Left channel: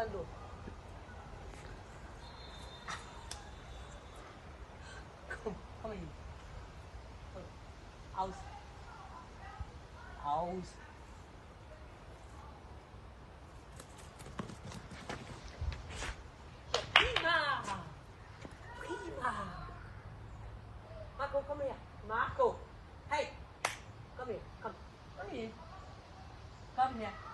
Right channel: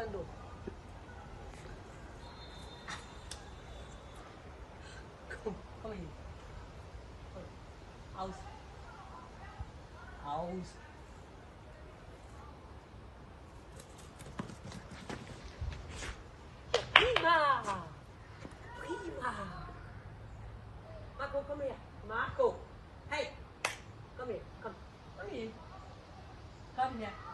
Fernando. Come here. House. House. Viva! Viva! Marco, come here. Marco. Hey. Come here. Come. Come here. Come here.